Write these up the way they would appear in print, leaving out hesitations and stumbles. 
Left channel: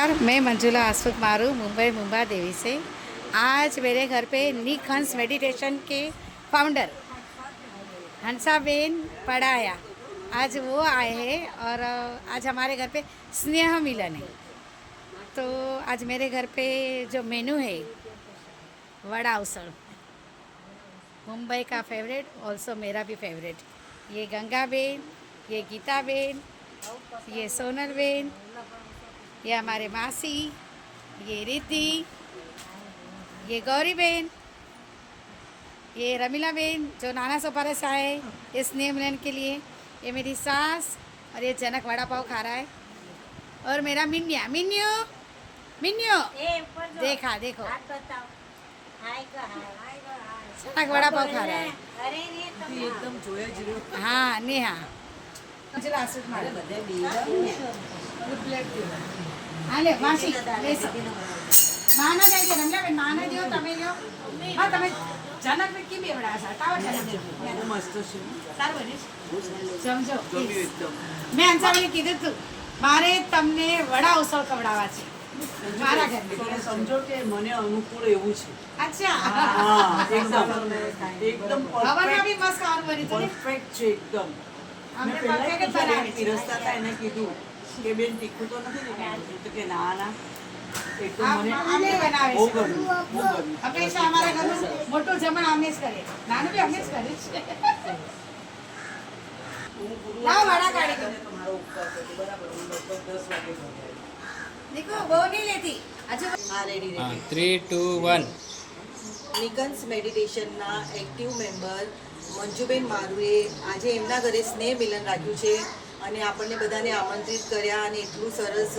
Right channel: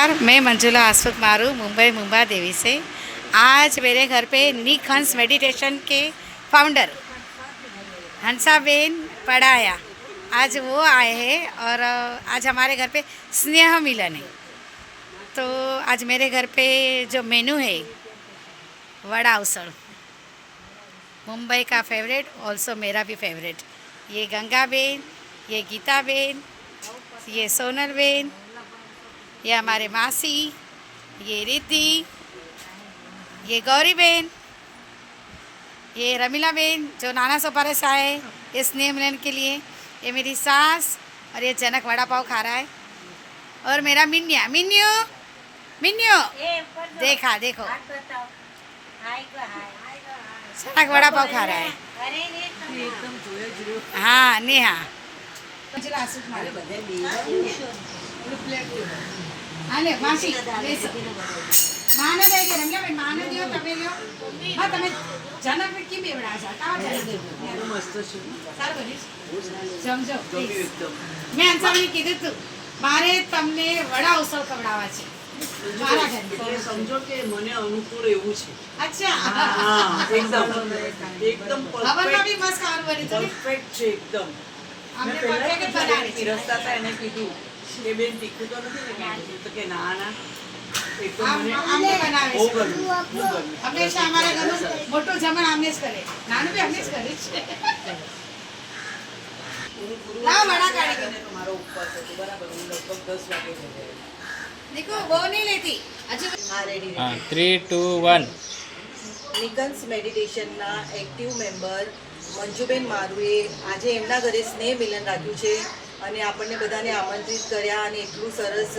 नमस्कार, मैं मंजुला आसुक मारू मुंबई देवी से। आज मेरे घर पे निक हंस मेडिटेशन के फाउंडर हंसाबेन पढ़ाया, आज वो आए हैं और आज हमारे घर पे स्नेह मिलन है। तो आज मेरे घर पे जो मेनू है वड़ा उसड़, मुंबई का फेवरेट, ऑल्सो मेरा भी फेवरेट। ये गंगा बेन, ये गीता बेन, ये सोनल बेन, ये हमारे मासी, ये रिद्धि, ये गौरी बेन, ये रमीला बेन जो नाना सोपारे से आए ये स्नेह मिलन के लिए, ये मेरी सास, और ये जनक वड़ा पाव खा रहा है, और मेरा मिन्या मिन्यू मिन्यू देखा देखो जनक वड़ा पाव खा रहा है। हाँ नेहा હાલે માસી લેસો માને દે કે રંગલા બેન માને દિયો તમે લ્યો હા તમે જનક બેન કી બેવડા છે કાવ જનક મસ્ત છે સારું બનીશ સમજો મેં અંસારી કીધું તું મારે તમને વડા ઉસળ કવડાવવા છે મારા ઘરે સમજો કે મને અનુકૂળ એવું છે। અચ્છા હા એકદમ હવનમાં બી મસ્ત ખાવાનું બની છે પરફેક્ટ છે એકદમ। અમને પહેલા પરફેક્ટ બનાવી છે। રસ્તા હતા એને કીધું કે બેન તીખું તો નથી ને કાંઈ, તો કે ના ના એકદમ મને આમને બનાવે બહુ છે ગમ્યું। હંમેશા અમારા ઘરનું મોટું જમણ આમને જ કરે, નાનું બી આમને જ કરે છે। લાવ વડા કાઢી દો। તમારો ઉપવાસ હતો બરાબર, હું લગભગ 10 વાગે ઘરે આવી। देखो वो नहीं लेती अच्छा હા રેડી हाँ રેડી। 3, 2, 1 નિકન્સ મેડિટેશનના એક્ટિવ મેમ્બર મંજુબેન મારુએ આજે એમના ઘરે સ્નેહ મિલન રાખ્યું છે અને આપણને બધાને આમંત્રિત કર્યા અને એટલું સરસ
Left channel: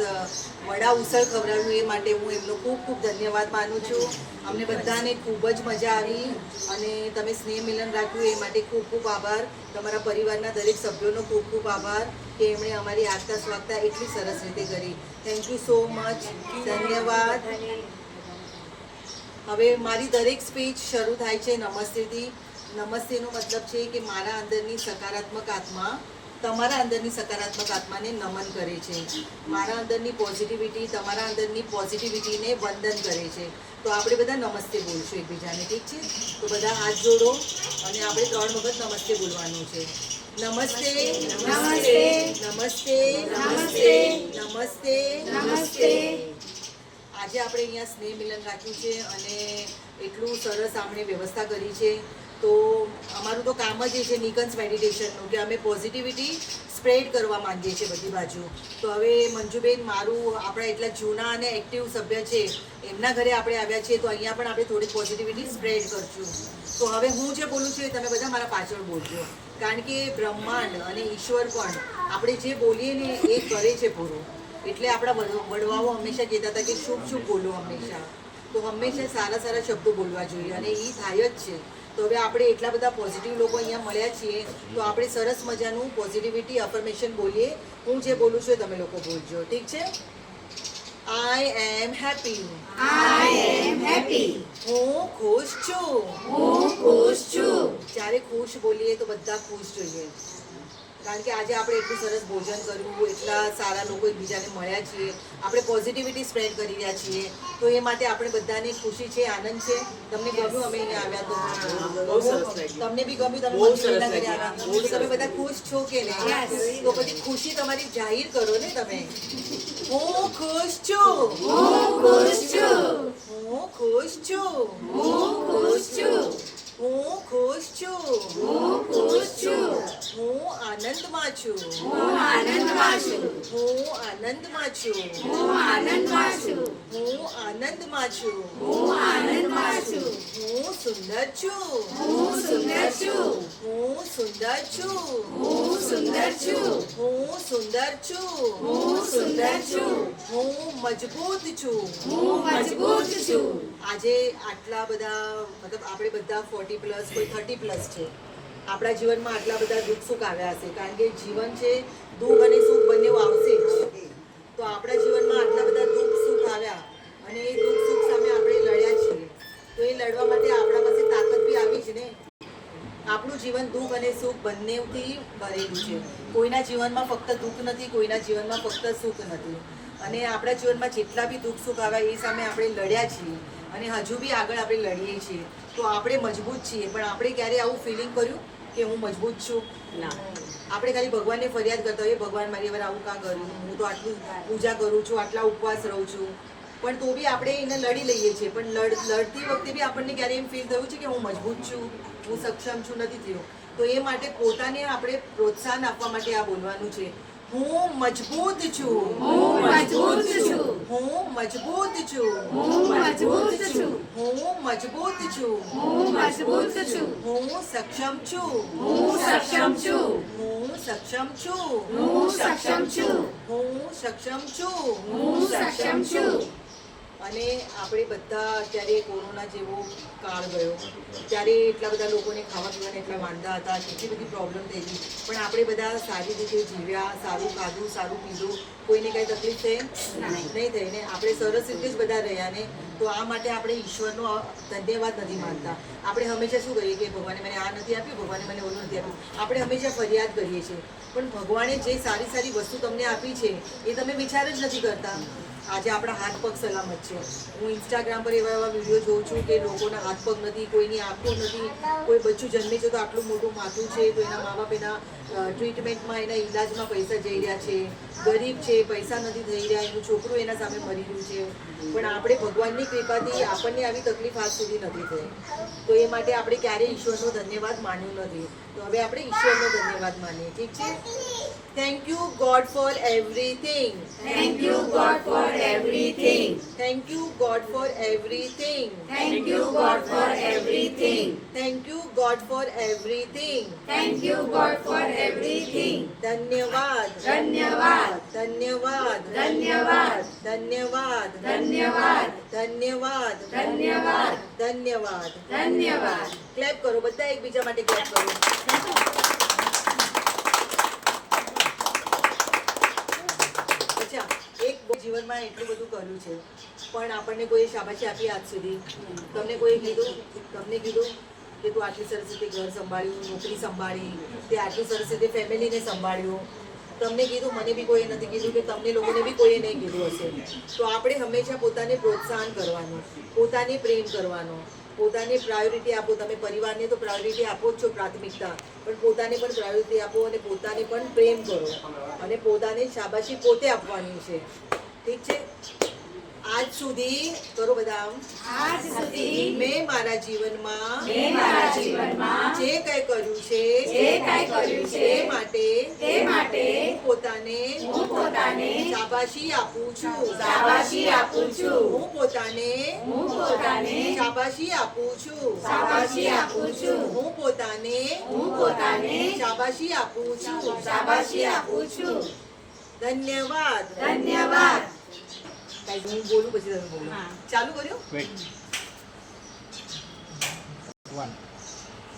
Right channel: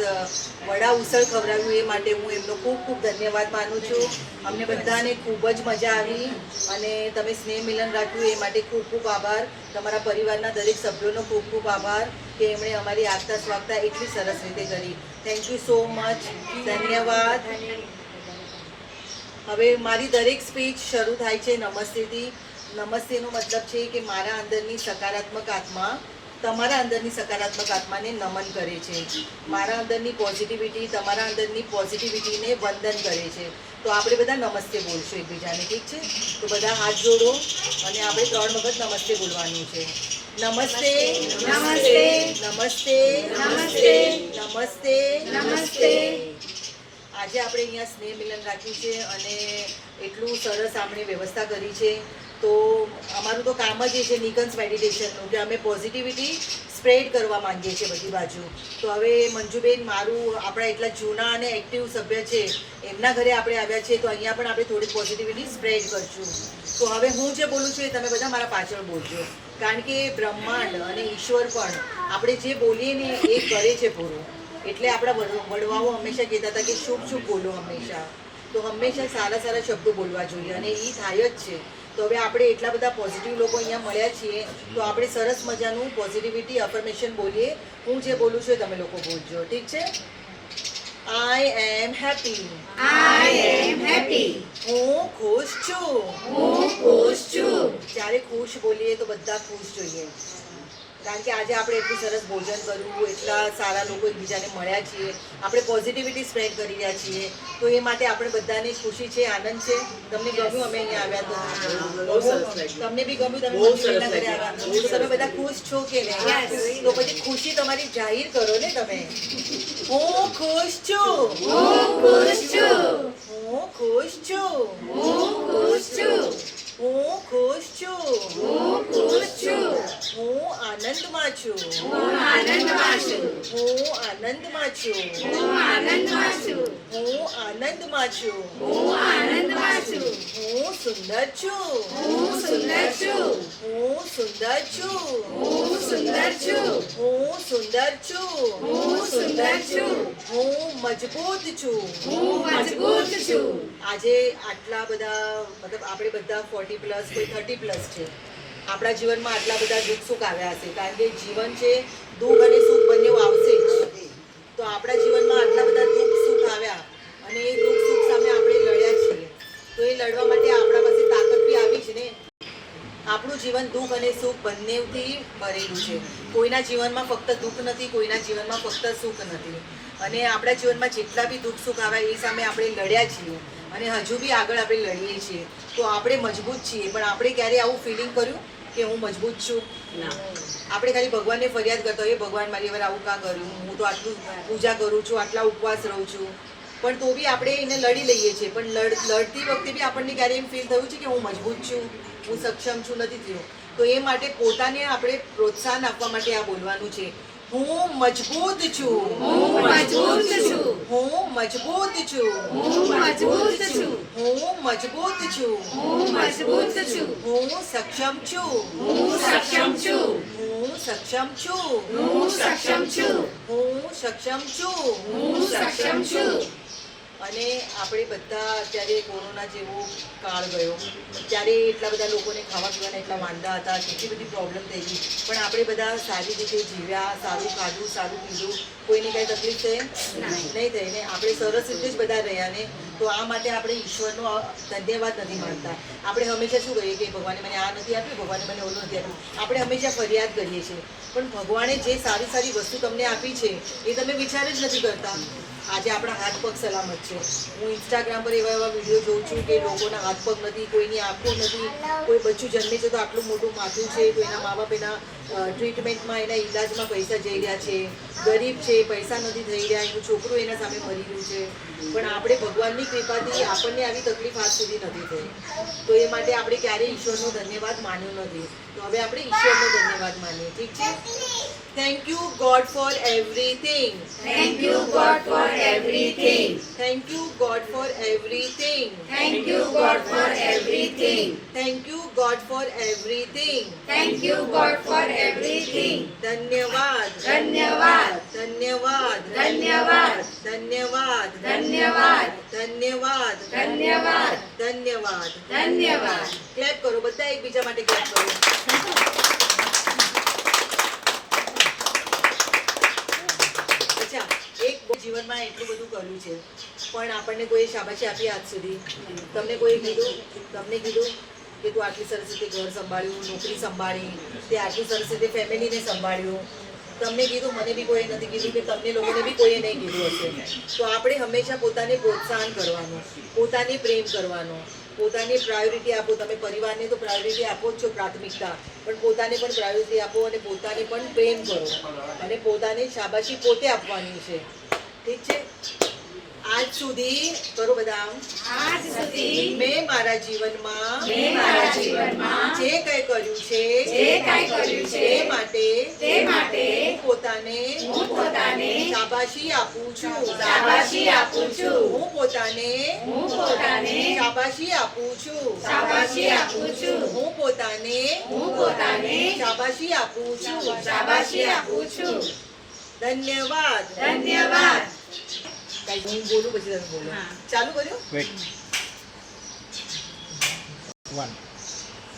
વડા ઉસળ ખવડાવ્યું, એ માટે હું એમનો ખૂબ ખૂબ ધન્યવાદ માનું છું। અમને બધાને ખૂબ જ મજા આવી અને તમે સ્નેહ મિલન રાખ્યું એ માટે ખૂબ ખૂબ આભાર। તમારા પરિવારના દરેક સભ્યોનો ખૂબ ખૂબ આભાર કે એમણે અમારી આગતા સ્વાગતા એટલી સરસ રીતે કરી। થેન્ક યુ સો મચ, ધન્યવાદ। હવે મારી દરેક સ્પીચ શરૂ થાય છે નમસ્તેથી। નમસ્તેનો મતલબ છે કે મારા અંદરની સકારાત્મક આત્મા તમારા અંદરની સકારાત્મક આત્માને નમન કરે છે, મારા અંદરની પોઝિટિવિટી તમારા અંદરની પોઝિટિવિટીને વંદન કરે છે। તો આપણે બધા નમસ્તે બોલશું એકબીજાને, ઠીક છે? તો બધા હાથ જોડો અને આપણે 3 વખત નમસ્તે બોલવાનું છે। નમસ્તે નમસ્તે નમસ્તે નમસ્તે નમસ્તે નમસ્તે। આજે આપણે અહીંયા સ્નેહ મિલન રાખ્યું છે અને એટલું સરસ આપણે વ્યવસ્થા કરી છે। તો અમારું તો કામ જ એ છે નિકન્સ મેડિટેશનનું કે અમે પોઝિટિવિટી સ્પ્રેડ કરવા માંગીએ છીએ બધી બાજુ। તો હવે મંજુબેન મારું આપણા એટલા જૂના અને એક્ટિવ સભ્ય છે એમના ઘરે આપણે આવ્યા છીએ, તો અહીંયા પણ આપણે થોડી પોઝિટિવિટી સ્પ્રેડ કરશું। તો હવે હું જે બોલું છું એ તમે બધા મારા પાછળ બોલજો, કારણ કે બ્રહ્માંડ અને ઈશ્વર પણ આપણે જે બોલીએ ને એ કરે છે પૂરું। એટલે આપણા વડવાઓ હંમેશા કહેતા હતા કે શુભ શુભ બોલો હંમેશા, તો હંમેશા સારા સારા શબ્દો બોલવા જોઈએ અને એ થાય જ છે। તો હવે આપણે એટલા બધા પોઝિટિવ લોકો અહીંયા મળ્યા છીએ, તો આપણે સરસ મજાનું પોઝિટિવિટી અફર્મેશન બોલીએ। હું જે બોલું છું એ તમે લોકો બોલજો, ઠીક છે? I am happy, I am happy હું ખુશ છું, હું ખુશ છું। જ્યારે ખુશ બોલીએ તો બધા ખુશ જોઈએ, કારણ કે આજે આપણે એટલું સરસ ભોજન કર્યું, એટલા સારા લોકો એકબીજાને મળ્યા છીએ, આપણે પોઝિટિવિટી સ્પ્રેડ કરી રહ્યા છીએ, તો એ માટે આપણે બધાને ખુશી છે, આનંદ છે। તમને ગમ્યું અમે અહીંયા આવ્યા તો? તમને બી ગમ્યું? તમે મંજુબેનના ઘરે આવ્યા તો તમે બધા ખુશ છો કે નહીં? તો પછી ખુશી તમારી જાહેર કરો ને તમે। હું ખુશ છું, હું ખુશ છું, હું ખુશ છું, હું ખુશ છું, હું ખુશ છું, હું ખુશ છું, હું આનંદમાં છું, હું આનંદમાં છું, હું આનંદમાં છું, હું આનંદમાં છું, હું આનંદમાં છું, હું આનંદમાં છું, હું સુંદર છું, હું સુંદર છું, હું સુંદર છું, હું સુંદર છું, હું સુંદર છું, હું સુંદર છું, હું મજબૂત છું, હું મજબૂત છું। આજે આટલા બધા મતલબ આપણે બધા 40+ કોઈ 30+ છે, આપણા જીવનમાં આટલા બધા દુઃખ સુખ આવ્યા હશે, કારણ કે જીવન છે દુઃખ અને સુખ બંને આવશે જ। તો આપણા જીવનમાં આટલા બધા દુઃખ સુખ આવ્યા અને એ દુઃખ સુખ સામે આપણે લડ્યા છીએ, તો એ લડવા માટે આપણા પાસે તાકાત બી આવી જ ને। આપણું જીવન દુઃખ અને સુખ બંનેથી ભરેલું છે, કોઈના જીવનમાં ફક્ત દુઃખ નથી, કોઈના જીવનમાં ફક્ત સુખ નથી। અને આપણા જીવનમાં જેટલા બી દુઃખ સુખ આવે એ સામે આપણે લડ્યા છીએ અને હજુ બી આગળ આપણે લડીએ છીએ. તો આપણે મજબૂત છીએ. પણ આપણે ક્યારે આવું ફિલિંગ કર્યું કે હું મજબૂત છું? આપણે ખાલી ભગવાનને ફરિયાદ કરતા હોઈએ, ભગવાન મારી વાર આવું કાં કર્યું, હું તો આટલું પૂજા કરું છું, આટલા ઉપવાસ રહું છું, પણ તો બી આપણે એને લડી લઈએ છીએ. પણ લડતી વખતે બી આપણને ક્યારે એમ ફીલ થયું છે કે હું મજબૂત છું, હું સક્ષમ છું? નથી થયું. તો એ માટે પોતાને આપણે પ્રોત્સાહન આપવા માટે આ બોલવાનું છે. હું મજબૂત છું, હું મજબૂત છું, હું મજબૂત છું, હું મજબૂત છું, હું મજબૂત છું, હું મજબૂત છું, હું સક્ષમ છું, હું સક્ષમ છું, હું સક્ષમ છું, હું સક્ષમ છું, હું સક્ષમ છું. હું સક્ષમ છું. અને આપણે બધા અત્યારે કોરોના જેવો કાળ ગયો ત્યારે એટલા બધા લોકોને ખાવા પીવાના એટલા માંદા હતા, કેટલી બધી પ્રોબ્લેમ થઈ ગઈ, પણ આપણે બધા સારી રીતે જીવ્યા, સારું ખાધું, સારું પીધું, કોઈને કાંઈ તકલીફ થઈ નહીં થઈ ને આપણે સરસ રીતે જ બધા રહ્યા ને. તો આ માટે આપણે ઈશ્વરનો ધન્યવાદ નથી માનતા. આપણે હંમેશા શું કહીએ કે ભગવાને મને આ નથી આપ્યું, ભગવાને મને ઓલું નથી આપ્યું. આપણે હંમેશા ફરિયાદ કરીએ છીએ, પણ ભગવાને જે સારી સારી વસ્તુ તમને આપી છે એ તમે વિચાર જ નથી કરતા. આજે આપણા હાથ પગ સલામત છે. હું ઇન્સ્ટાગ્રામ પર એવા એવા વિડીયો જોઉં છું કે લોકોના હાથ પગ નથી, કોઈની આંખો નથી, કોઈ બચ્ચું જન્મે છે તો આટલું મોટું માથું છે, તો એના મા બાપ એના ટ્રીટમેન્ટમાં, એના ઈલાજમાં પૈસા જઈ રહ્યા છે, ગરીબ છે, પૈસા નથી થઈ રહ્યા, એનું છોકરું એના સામે મરી રહ્યું છે. પણ આપણે ભગવાનની કૃપાથી આપણને આવી તકલીફ આજ સુધી નથી થઈ. તો એ માટે આપણે ક્યારેય ઈશ્વરનો ધન્યવાદ માન્યો નથી. તો હવે આપણે ઈશ્વરનો ધન્યવાદ માનીએ. ઠીક છે? Thank you God for everything. Thank you God for everything. Thank you God for everything. Thank you God for everything. Thank you God for everything. Thank you God for everything. ધન્યવાદ, ધન્યવાદ, ધન્યવાદ, ધન્યવાદ, ધન્યવાદ, ધન્યવાદ, ધન્યવાદ, ધન્યવાદ, ધન્યવાદ. ધન્યવાદ. ક્લેપ કરો બધા, એકબીજા માટે ક્લેપ કરો. અચ્છા, એક જીવનમાં એટલું બધું કર્યું છે પણ આપણને કોઈ શાબાશી આપી આજ સુધી? તમને કોઈ કીધું કે તું આટલી સરસ રીતે ઘર સંભાળ્યું, નોકરી સંભાળી, તે આટલી સરસ રીતે ફેમિલીને સંભાળ્યું? તમને કીધું? મને બી કોઈએ નથી કીધું કે તમને લોકોને બી કોઈએ નહીં કીધું હશે. તો આપણે હંમેશા પોતાને પ્રોત્સાહન કરવાનું, પોતાને પ્રેમ કરવાનો, પોતાને પ્રાયોરિટી આપો. તમે પરિવારને તો પ્રાયોરિટી આપો જ છો, પ્રાથમિકતા, પણ પોતાને પણ પ્રાયોરિટી આપો અને પોતાને પણ પ્રેમ કરો અને પોતાને શાબાશી પોતે આપવાની છે. ઠીક છે? આજ સુધી કરો બધા. આજ સુધી મેં મારા જીવનમાં જે જે કંઈ કર્યું છે તે માટે હું પોતાને શાબાશી આપું છું. શાબાશી આપું છું. હું પોતાને શાબાશી આપું છું. શાબાશી આપું છું. હું પોતાને શાબાશી આપું છું. શાબાશી આપું છું. ધન્યવાદ. ધન્યવાદ. કાંઈ હું બોલું પછી તમે બોલો. હા. ચાલુ કર્યું? Wait. One.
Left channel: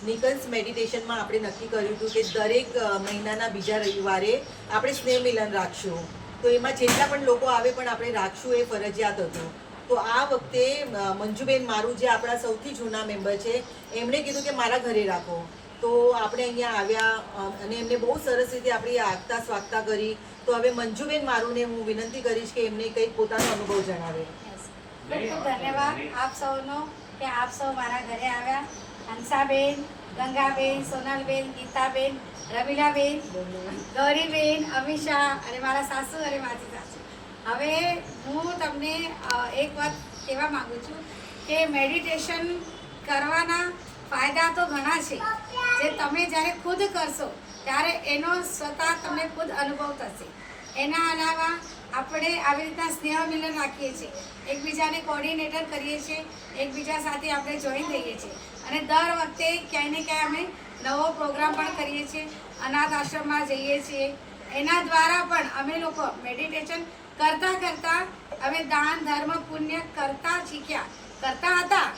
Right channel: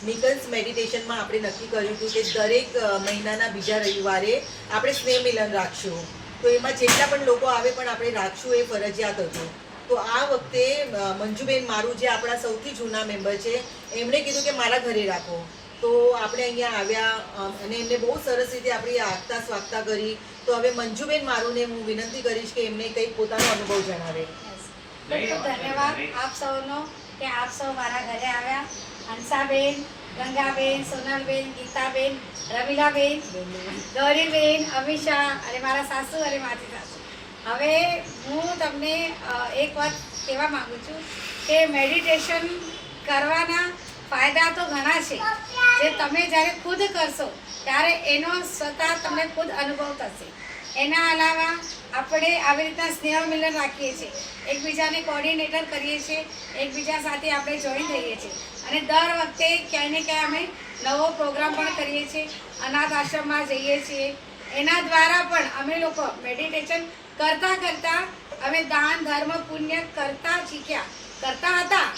નિકન્સ મેડિટેશનમાં આપણે નક્કી કર્યું હતું કે દરેક મહિનાના બીજા રવિવારે આપણે સ્નેહ મિલન રાખશું. તો એમાં જેટલા પણ લોકો આવે પણ આપણે રાખશું, એ ફરજિયાત હતું. તો આ વખતે મંજુબેન મારું જે આપણા સૌથી જૂના મેમ્બર છે, એમણે કીધું કે મારા ઘરે રાખો. તો આપણે અહીંયા આવ્યા અને એમને બહુ સરસ રીતે આપણી આગતા સ્વાગતા કરી. તો હવે મંજુબેન મારુંને હું વિનંતી કરીશ કે એમને કંઈક પોતાનો અનુભવ જણાવે. ખૂબ ખૂબ ધન્યવાદ આપ સૌનો કે આપ સૌ મારા ઘરે આવ્યા. હંસાબેન, ગંગાબેન, સોનલબેન, ગીતાબેન, રમીલાબેન, ગૌરીબેન, અમીષા અને મારા સાસુ અને મારી સાસુ. હવે હું તમને એક વાત કહેવા માગું છું કે મેડિટેશન કરવાના ફાયદા તો ઘણા છે, જે તમે જ્યારે ખુદ કરશો ત્યારે એનો સ્વતઃ તમને ખુદ અનુભવ થશે. એના અલાવા આપણે આવી રીતના સ્નેહ મિલન રાખીએ છીએ, એકબીજાને કોર્ડિનેટર કરીએ છીએ, એકબીજા સાથે આપણે જોઈન થઈએ છીએ અને દર વખતે ક્યાંય ને ક્યાંય અમે નવો પ્રોગ્રામ પણ કરીએ છીએ, અનાથ આશ્રમમાં જઈએ છીએ. એના દ્વારા પણ અમે લોકો મેડિટેશન કરતાં અમે દાન ધર્મ પુણ્ય કરતા હતા,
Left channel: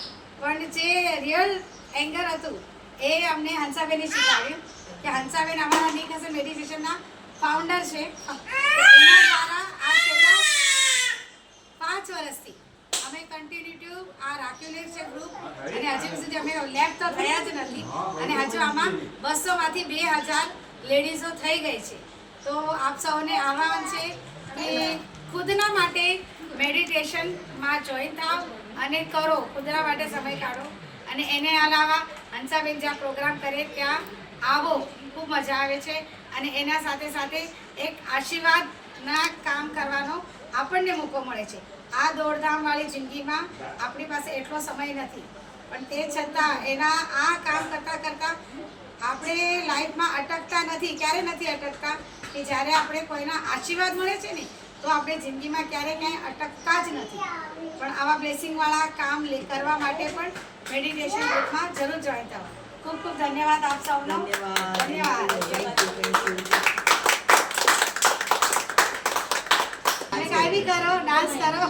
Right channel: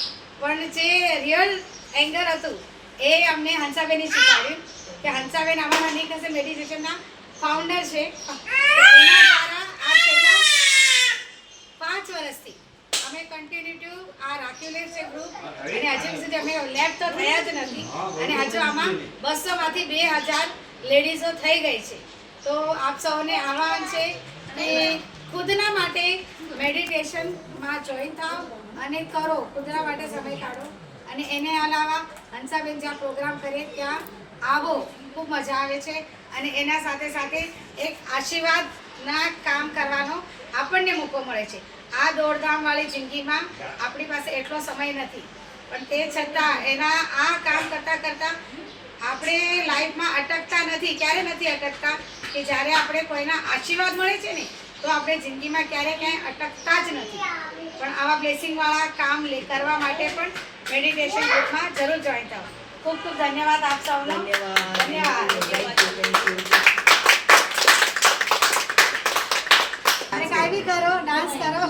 પણ જે રિયલ એંગલ હતું એ અમને હંસાબેને શીખવાડ્યું કે હંસાબેન અમારા નિકન્સ મેડિટેશનના ફાઉન્ડર છે. એના દ્વારા આ છેલ્લા 5 વર્ષથી અમે કન્ટિન્યુ આ રાખ્યું છે ગ્રુપ, અને હજુ સુધી અમે લેબ તો થયા જ નથી અને હજુ આમાં 200માંથી 2000 લેડીઝો થઈ ગઈ છે. તો આપ સૌને આહ્વાન છે કે ખુદના માટે મેડિટેશનમાં જોઈન થાવ અને કરો, ખુદના માટે સમય કાઢો. અને એને અલાવા હંસાબેન જ્યાં પ્રોગ્રામ કરે ત્યાં આવો, ખૂબ મજા આવે છે. અને એના સાથે સાથે એક આશીર્વાદના કામ કરવાનો આપણને મોકો મળે છે. આ દોડધામવાળી જિંદગીમાં આપણી પાસે એટલો સમય નથી, પણ તે છતાં એના આ કામ કરતાં કરતાં આપણે લાઈફમાં અટકતા નથી. ક્યારે નથી અટકતા કે જ્યારે આપણે કોઈના આશીર્વાદ મળે છે ને, તો આપણે જિંદગીમાં ક્યાંય અટકતા જ નથી. પણ આવા બ્લેસિંગવાળા કામ કરવા માટે પણ મેડિટેશન ગ્રુપમાં જરૂર જોઈન થવા. ખૂબ ખૂબ ધન્યવાદ આપ સૌનો. ધન્યવાદ. અને કાંઈ બી કરો, ડાન્સ કરો,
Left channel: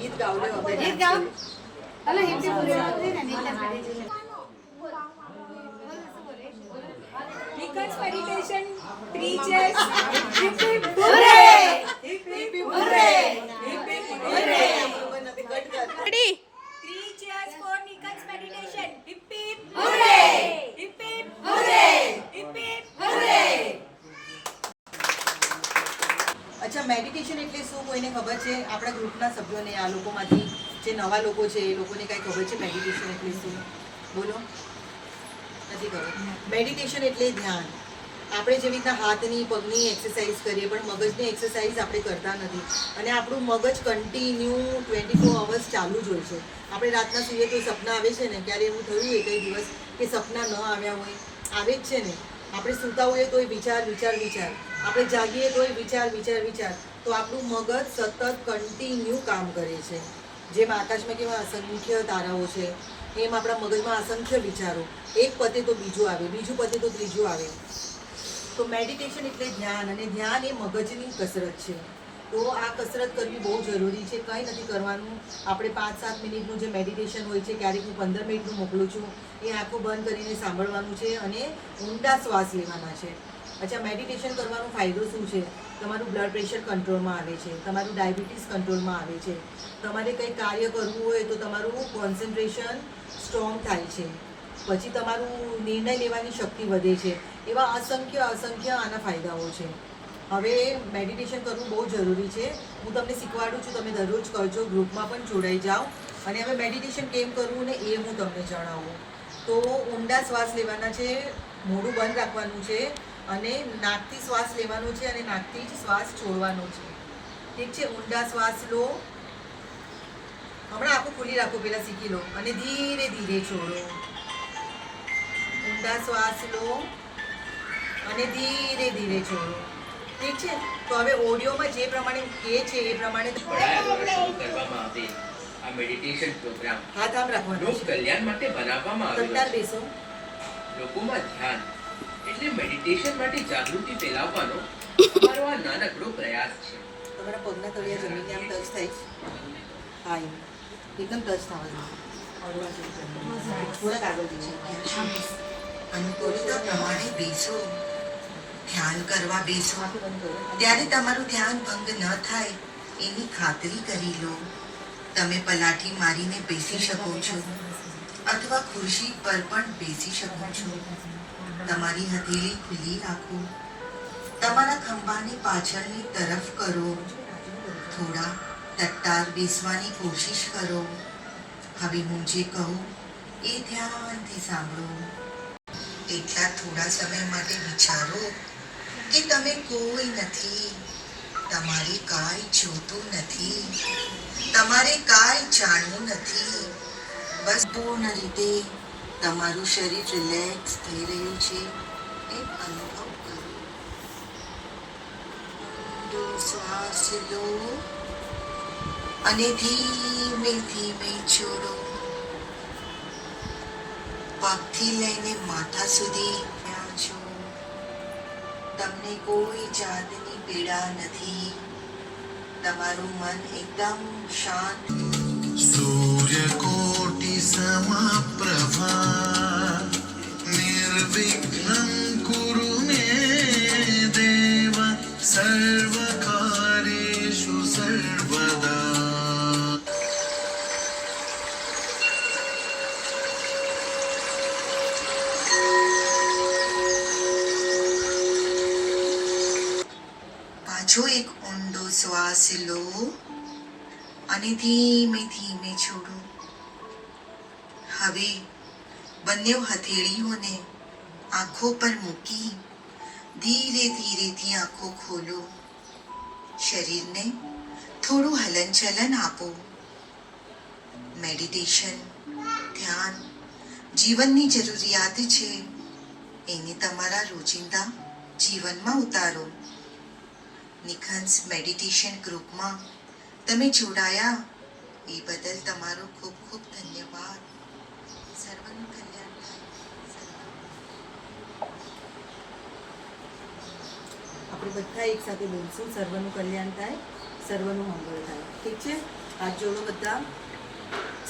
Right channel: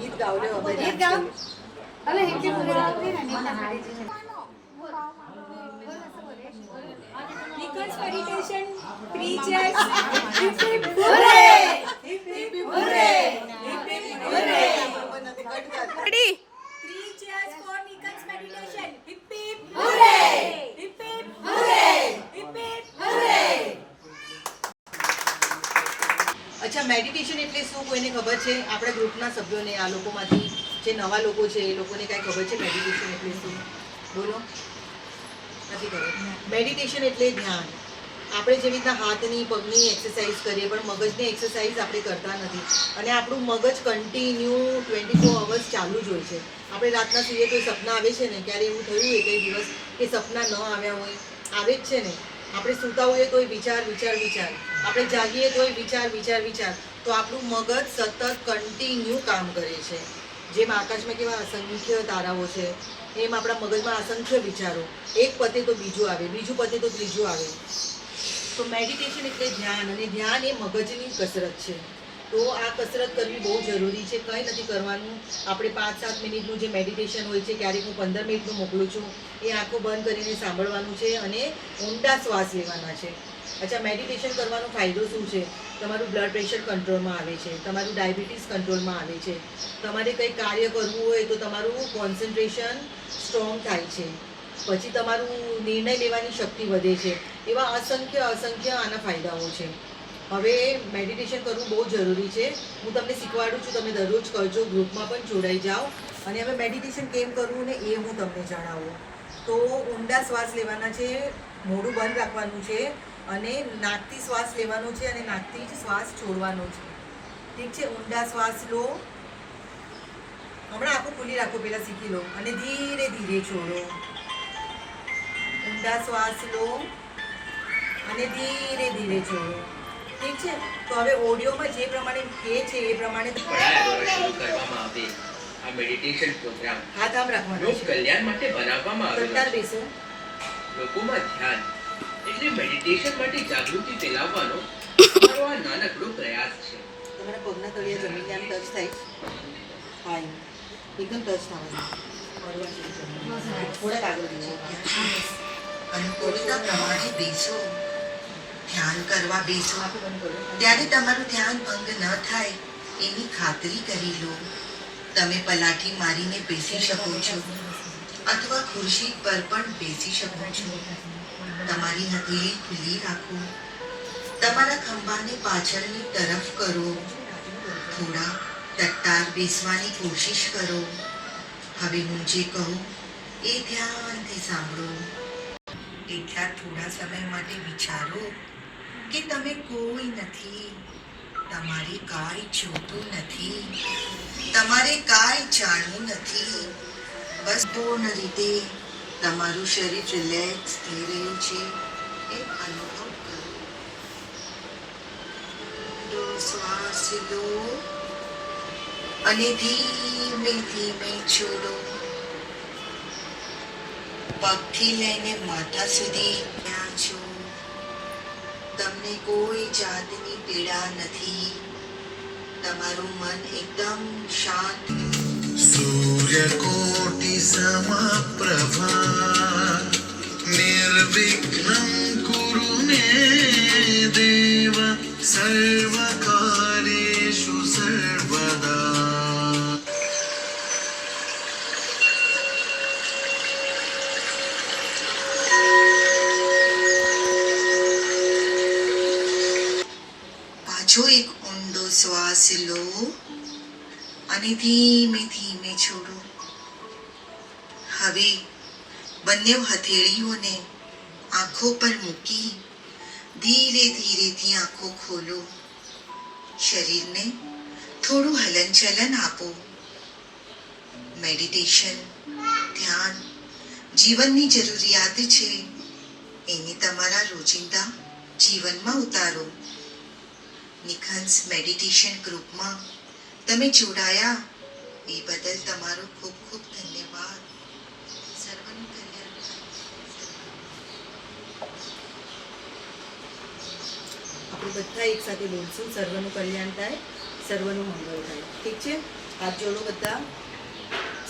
ગીત ગાવ લે હવે ગીત ગાઓ. હલો હિપ્પી પૂરી આવતી ને નીકળ meditation. Because meditation preaches hip hip hooray! Hip hip hooray! Hip hip hooray! Ready? 3 cheers for Nikan's meditation. Hip hip hooray! Hip hip hooray! Hip hip hooray! અચ્છા, મેડિટેશન એટલે શું કોઈને ખબર છે? આપણા ગ્રુપના સભ્યોને, આ લોકોમાંથી જે નવા લોકો છે એ લોકોને કાંઈ ખબર છે મેડિટેશન એટલે શું? બોલો. નથી ખબર. મેડિટેશન એટલે ધ્યાન. આપણે જેવી રીતના હાથની પગની એક્સરસાઇઝ કરીએ પણ મગજની એક્સરસાઇઝ આપણે કરતા નથી. અને આપણું મગજ કન્ટિન્યુ 24 અવર્સ ચાલુ જ હોય છે. આપણે રાતના સૂઈએ તો સપના આવે છે ને, ક્યારે એવું થયું હોય કઈ દિવસ કે સપના ન આવ્યા હોય? આવે જ છે ને. આપણે સૂતા હોઈએ તોય વિચાર વિચાર વિચાર, આપણે જાગીએ તોય વિચાર વિચાર વિચાર. તો આપણું મગજ સતત કન્ટિન્યુ કામ કરે છે. જેમ આકાશમાં કેવા અસંખ્ય તારાઓ છે, એમ આપણા મગજમાં અસંખ્ય વિચારો. એક પતે તો બીજું આવે, બીજું પતે તો ત્રીજું આવે. તો મેડિટેશન એટલે ધ્યાન, અને ધ્યાન એ મગજની કસરત છે. તો આ કસરત કરવી બહુ જરૂરી છે. કંઈ નથી કરવાનું. આપણે 5-7 મિનિટનું જે મેડિટેશન હોય છે, ક્યારેક હું 15 મિનિટનું મોકલું છું, એ આંખો બંધ કરીને સાંભળવાનું છે અને ઊંડા શ્વાસ લેવાના છે. અચ્છા, મેડિટેશન કરવાનો ફાયદો શું છે? તમારું બ્લડ પ્રેશર કંટ્રોલમાં આવે છે, તમારું ડાયાબિટીસ કંટ્રોલમાં આવે છે, તમારે કંઈ કાર્ય કરવું હોય તો તમારું કોન્સન્ટ્રેશન સ્ટ્રોંગ થાય છે, પછી તમારું નિર્ણય લેવાની શક્તિ વધે છે. એવા અસંખ્ય આના ફાયદાઓ છે. હવે મેડિટેશન કરવું બહુ જરૂરી છે. હું તમને શીખવાડું છું, તમે દરરોજ કરજો, ગ્રુપમાં પણ જોડાઈ જાઓ. અને હવે મેડિટેશન કેમ કરવું ને એ હું તમને જણાવું. તો ઊંડા શ્વાસ લેવાના છે, મોઢું બંધ રાખવાનું છે, અને નાકથી શ્વાસ લેવાનો છે અને નાકથી જ શ્વાસ છોડવાનો છે. ઠીક છે? ઊંડા શ્વાસ લો, હમણાં આંખો ખુલ્લી રાખો, પહેલાં શીખી લો, અને ધીરે ધીરે છોડો. ઊંડા શ્વાસ લો અને ધીરે ધીરે છોડો. ઠીક છે? તો હવે ઓડિયોમાં જે પ્રમાણે કહે છે એ પ્રમાણે પડાયા દ્વારા શરૂ કરવામાં આવેલ આ મેડિટેશન પ્રોગ્રામ હાથ આમ રાખવાનો લોક છે. કલ્યાણ માટે બનાવવામાં આવેલો કંટાળ છે. બેસો. લોકોમાં ધ્યાન એટલે મેડિટેશન માટે જાગૃતિ ફેલાવવાનો અમારો આ નાનકડો પ્રયાસ છે. તમારા પગના તળિયા જમીનને આમ ટચ થાય. હા, એકદમ ટચ થવા જોઈએ. થોડાક આગળ જઈએ. અનુકૂળતા પ્રમાણે બેસો, ધ્યાન કરવા બેસો આંખો બંધ કરો. ત્યારે તમારું ધ્યાન ભંગ ન થાય એની ખાતરી કરી લો. તમે પલાઠી મારીને બેસી શકો છો અથવા ખુરશી પર પણ બેસી શકો છો. તમારી હથેળી ખુલ્લી રાખો. તમારા ખંભાને પાછળની તરફ કરો. થોડા ટટ્ટાર બેસવાની કોશિશ કરો. હવે હું જે કહું એ ધ્યાનથી સાંભળો. એટલા થોડા સમય માટે વિચારો કે તમે કોઈ નથી, તમારે કાંઈ જોતું નથી, તમારે કાંઈ જાણવું નથી. બસ પૂર્ણ રીતે તમારું શરીર રિલેક્સ થઈ રહ્યું છે એ અનુભવ કરો. ઊંડો શ્વાસ લો અને ધીમે ધીમે છોડો. પગથી લઈને માથા સુધી ત્યાં છો. તમને કોઈ જાતની પીડા નથી. તમારું મન એકદમ શાંત. सूर्यकोटि समप्रभा निर्विघ्नं कुरु मे देव सर्वकार्येषु सर्वदा. પાછો એક ઊંડો શ્વાસ લો અને ધીમે ધીમે છોડો. હવે બંને હથેળીઓને આંખો પર મૂકી ધીરે ધીરેથી આંખો ખોલો. શરીરને થોડું હલનચલન આપો. મેડિટેશન, ધ્યાન જીવનની જરૂરિયાત છે. એને તમારા રોજિંદા જીવનમાં ઉતારો. નિખંસ મેડિટેશન ગ્રુપમાં તમે જોડાયા એ બદલ તમારો ખૂબ ખૂબ ધન્યવાદ. સર્વનું કલ્યાણ થાય. આપણે બધા એક સાથે બોલશું, સર્વનું કલ્યાણ થાય, સર્વનું મંગળ થાય. ઠીક છે? હાથ જોડો બધા.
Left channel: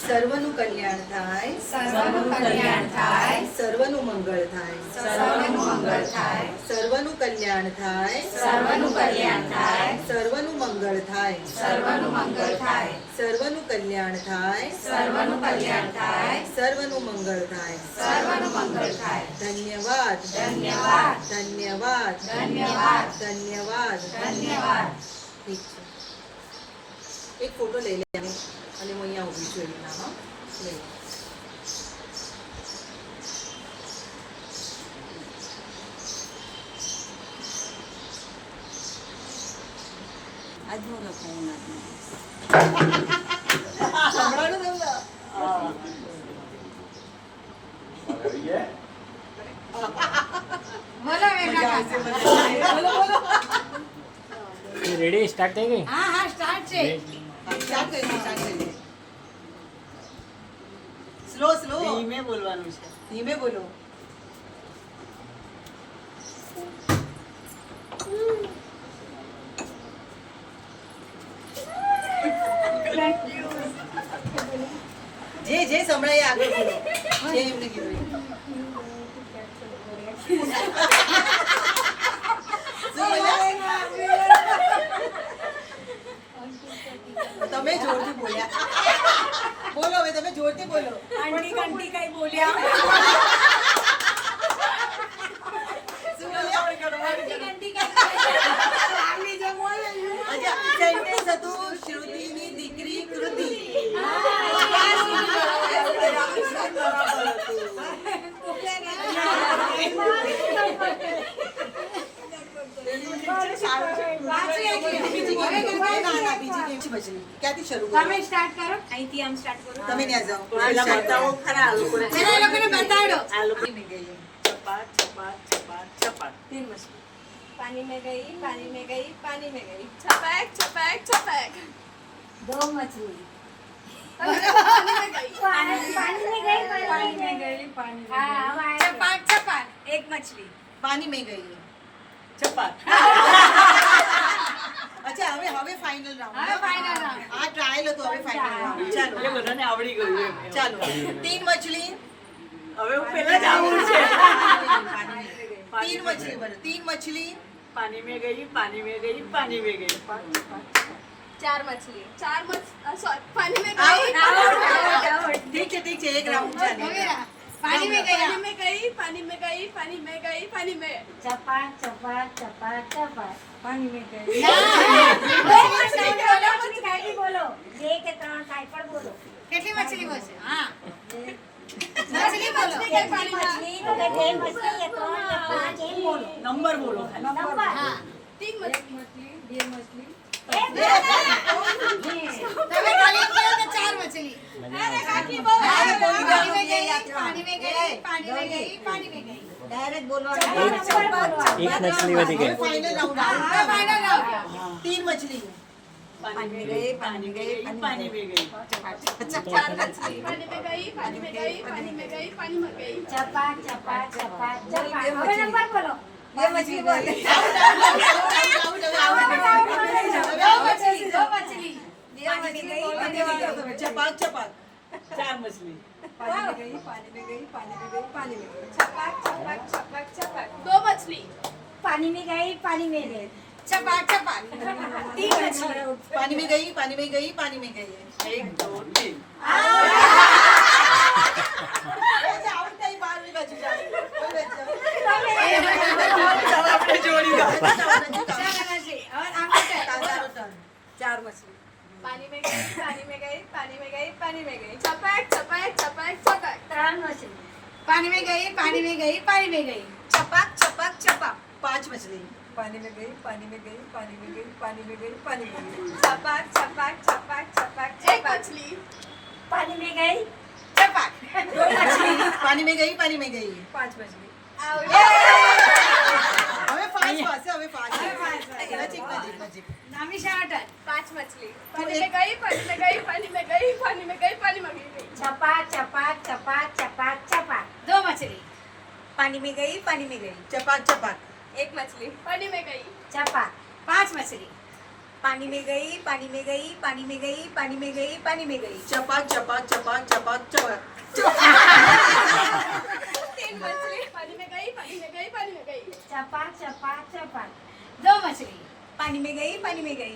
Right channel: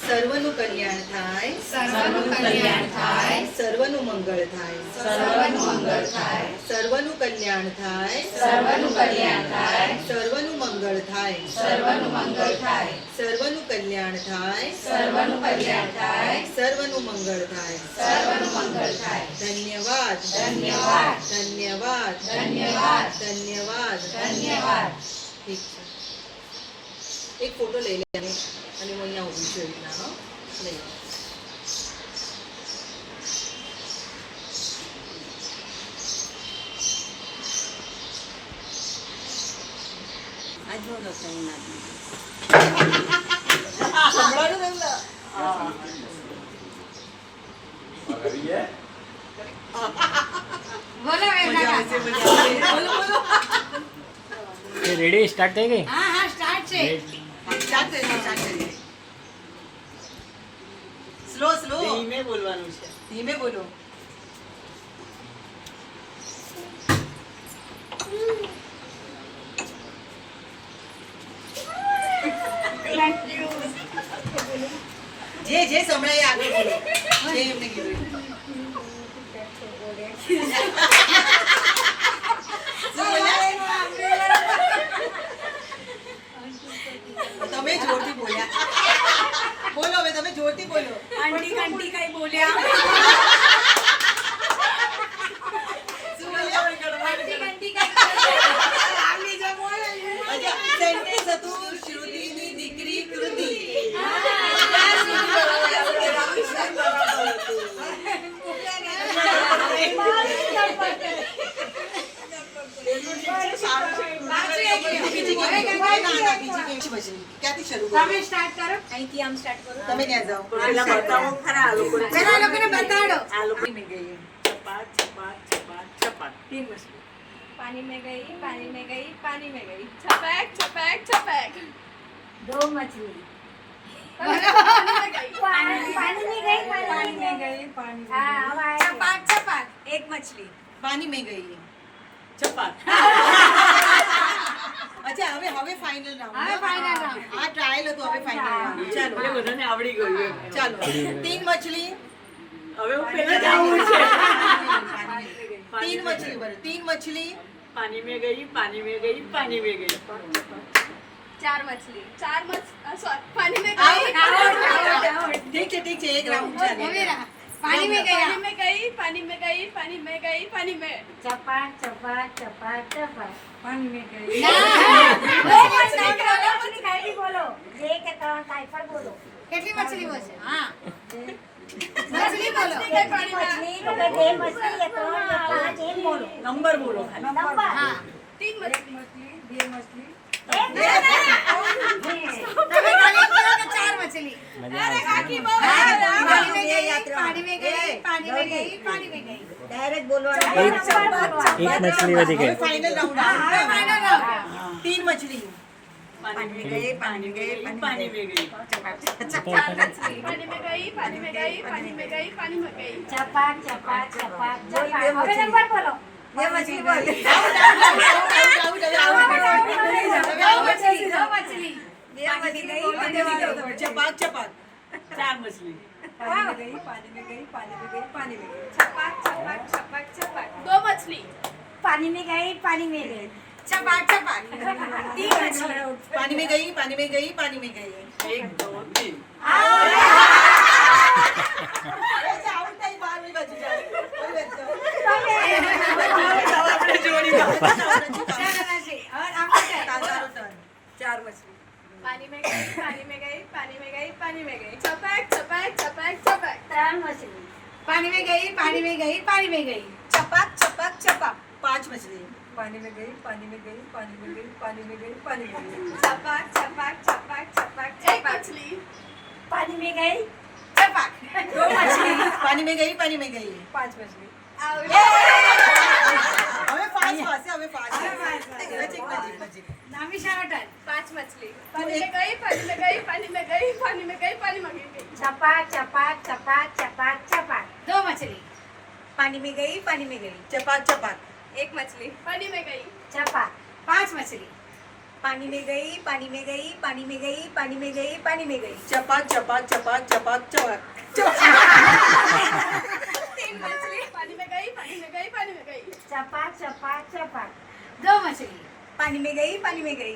સર્વનું કલ્યાણ થાય, સર્વનું કલ્યાણ થાય, સર્વનું મંગળ થાય, સર્વનું મંગળ થાય, સર્વનું કલ્યાણ થાય, સર્વનું કલ્યાણ થાય, સર્વનું મંગળ થાય, સર્વનું મંગળ થાય, સર્વનું કલ્યાણ થાય, સર્વનું કલ્યાણ થાય, સર્વનું મંગળ થાય. સર્વનું મંગળ થાય. ધન્યવાદ, ધન્યવાદ, ધન્યવાદ, ધન્યવાદ, ધન્યવાદ. ધન્યવાદ. ઠીક છે. એક ફોટો લઈ લેવાનો અને હું અહીંયા ઊભી છું એમના. હા, લઈ લો. બોલો વેદના કાકા. રેડી સ્ટાર્ટ થઈ ગઈ. હા હા સ્ટાર્ટ છે. સ્ટાર્ટ કરીએ. સ્લો સ્લો ધીમે બોલવાનું છે. ધીમે બોલો. જે સંભળાય એ આગળ બોલો. જે એમને કીધું. શું બોલ્યા? તમે જોરથી બોલ્યા. બોલો હવે, તમે જોરથી બોલો. આંટી કંટી કઈ બોલ્યા શું બોલ્યા? આંટી કંટી કઈ આવી જે બોલે અચ્છા, સેન્ટેન્સ હતું શ્રુતિની દીકરી કૃતિ. ક્યાંથી શરૂ કરો? તમે સ્ટાર્ટ કરો. અહીંથી આમ સ્ટાર્ટ કરો તમે ત્યાં જાઓ. પેલા બતાવો ખરા આ લોકોને. પેલા એ લોકોને બતાડો. આ લોકોને ગઈ ચપાટ ચપાટ ચપાટ ચપાટ 3 વસ્તુ. पानी में गई पानी में गई पानी में गई छपैक छपैक छपैक दो मछली. पानी में गई पानी में गई पानी में गई ચપાટ ચપાટ. एक मछली પાણી મેં ગઈ. ચપાટ. અચ્છા, હવે ફાઇનલ રાઉન્ડ. હવે final round. આ ટ્રાયલ હતો, હવે ફાઇનલ રાઉન્ડ. એટલે ચાલો બધાને આવડી ગયું એમ. ચાલો. 3 મછલી. હવે હું પેલા જ આવું છે. 3 મછલી બનો. 3 મછલી. પાણી में गई पानी में गई पानी में गई. चार मछली चार सॉरी पानी में આઉટ, આઉટ, આઉટ. ઠીક છે, એક રાઉન્ડ ચાલે. હવે પાણી મેં ગયા. पानी में गई पानी में गई पानी में गई पानी में चपाट चपाट चपाट चपाट पानी में गई मछली खाई बोलो ये के त्रण काई पर बोलो કેટલી મછલી બોલશે? હા મછલી બોલો. एक मछली तो के बे मछली ये त्रण या पांच एम बोलो નંબર બોલો ખાલી. नंबर હા तीन मछली बे मछली તમે ખાલી કહો કે 4 મછલી. अरे काकी बोल પાણી મેં ગઈ પાણી મેં ગઈ પાણી મેં ગઈ પાણી મેં ગઈ. डायरेक्ट बोलो એક મછલી વધી હવે ગઈ. Final round. હવે final round. 3 મછલી. પાણી में गई पानी में गई पानी में गई. चार मछली पानी में गई पानी में गई पानी में गई पानी में गई चपाट चपाट चपाट चपाट હવે નંબર બોલો બે મછલી બોલ દો મછલી. पानी में गई पानी में गई ચપાક ચપાક. 4 मछली. पानी में गई पानी में गई पानी में गई पानी में गई छपक छपक छपक छपक दो मछली પાણી में गई पानी में गई ચપાટ ચપાટ. 3 मछली પાણી મેં ગઈ પાણી મેં ગઈ પાણી મેં ગઈ. 1 2 3. આઉટ થઈ, બહારની બાજુ જાઓ. કોઈ બાજુ જાઓ. ચાલો આપણે જોડી વાત. ચાલો મછલી. હવે આમ તારો turn. 4 मछली पानी में गई पानी में गई पानी में गई पानी में गई छपक छपक छपक छपक 3 मछली पानी में गई पानी में गई पानी में गई छपक छपक छपक 5 मछली पानी में गई पानी में गई पानी में गई पानी में गई पानी में गई छपक छपक छपक छपक एक मछली पानी में गई चपाक 2 मछली पानी में गई पानी में गई 5 मछली હવે ફાસ્ટ હવે ફાસ્ટ નજીક નજીક નજીક નામી શારટન 5 मछली पानी में गई पानी में गई पानी में गई पानी में गई पानी में गई छपाक छपाक छपाक छपाक छपाक 2 मछली पानी में गई पानी में गई ચપાક ચપાક एक मछली पानी में गई छपाक 5 मछली पानी में गई पानी में गई पानी में गई पानी में गई पानी में गई ચપાક ચપાક ચપાક ચપાક ચપાક 3 मछली पानी में गई पानी में गई पानी में गई छपाक छपाक छपाक 2 मछली पानी में गई पानी में गई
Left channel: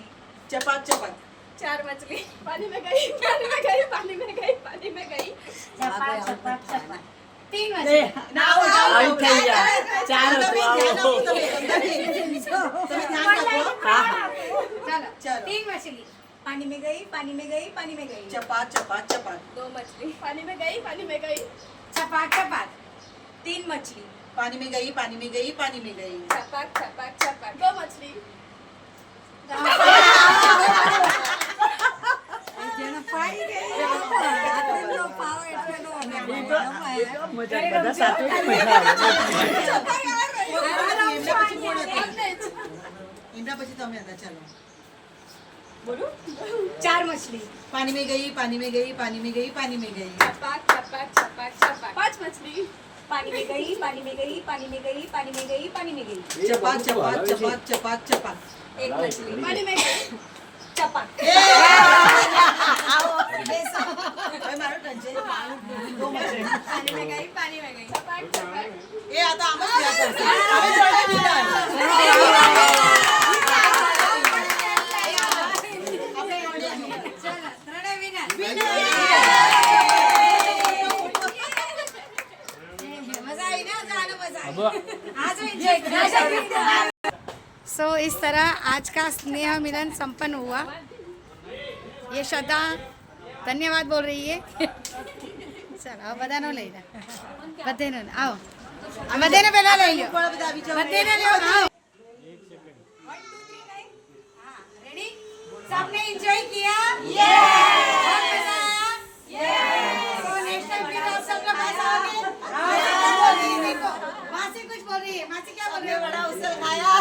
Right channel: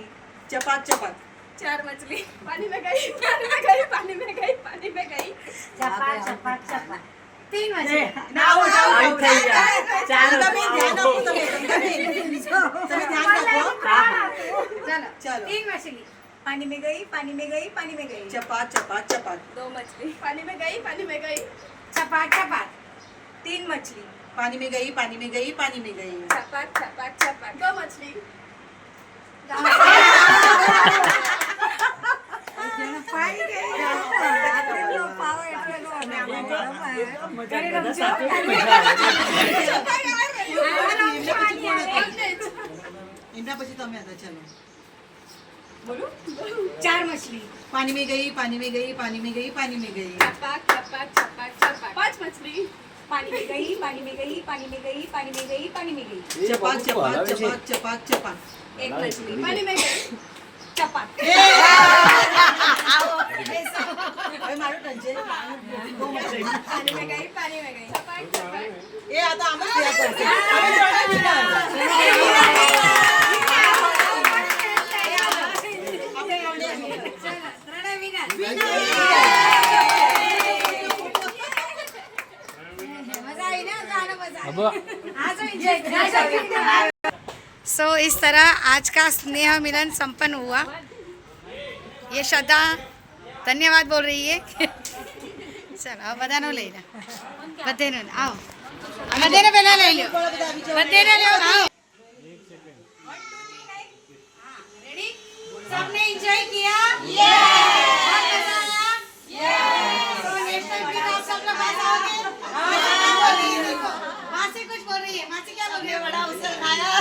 ચપાક ચપાક 4 मछली पानी में गई पानी में गई पानी में गई पानी में गई छपाक छपाक छपाक 3 मछली તમે ધ્યાન આપો તમે ધ્યાન રાખો चलो चलो। 3 मछली पानी में गई पानी में गई पानी में गई ચપાક ચપાક ચપાક 2 मछली पानी में गई पानी में गई चपाक चपाक 3 मछली પાણી में गई पानी में गई पानी में गई छपक छपक छपक 2 मछली એમના પછી તમે હતા ચાલો बोलो 4 मछली पानी में गई पानी में गई पानी में गई पानी में गई छपक छपक छपक छपक 5 मछली पानी में गई पानी में गई पानी में गई पानी में गई पानी में गई ચપાક ચપાક ચપાક ચપાક ચપાક एक मछली पानी में गई चपक હવે મારું ટર્ન છે બહુ મજા पानी में गई पानी में गई छपक छपक એ આ તો આમ જ થયા કરશે હવે આપણે ઓળે ત્રણે વિનર मजा आई ना गाना मजा अब आज एंजॉय सो इस तरह आज का स्नेह मिलन संपन्न हुआ। ये श्रद्धा धन्यवाद बोल रही है चलो अब बधानो ले लो बधेनो आओ बधेने पहले ले लो बधेने लो आओ रेडी सबने एंजॉय किया बहुत मजा आया तो नेशनल गीत आप सब लोग गाओगे मासी कुछ बोल रही है मासी क्या बोल रही है बड़ा उससे खाया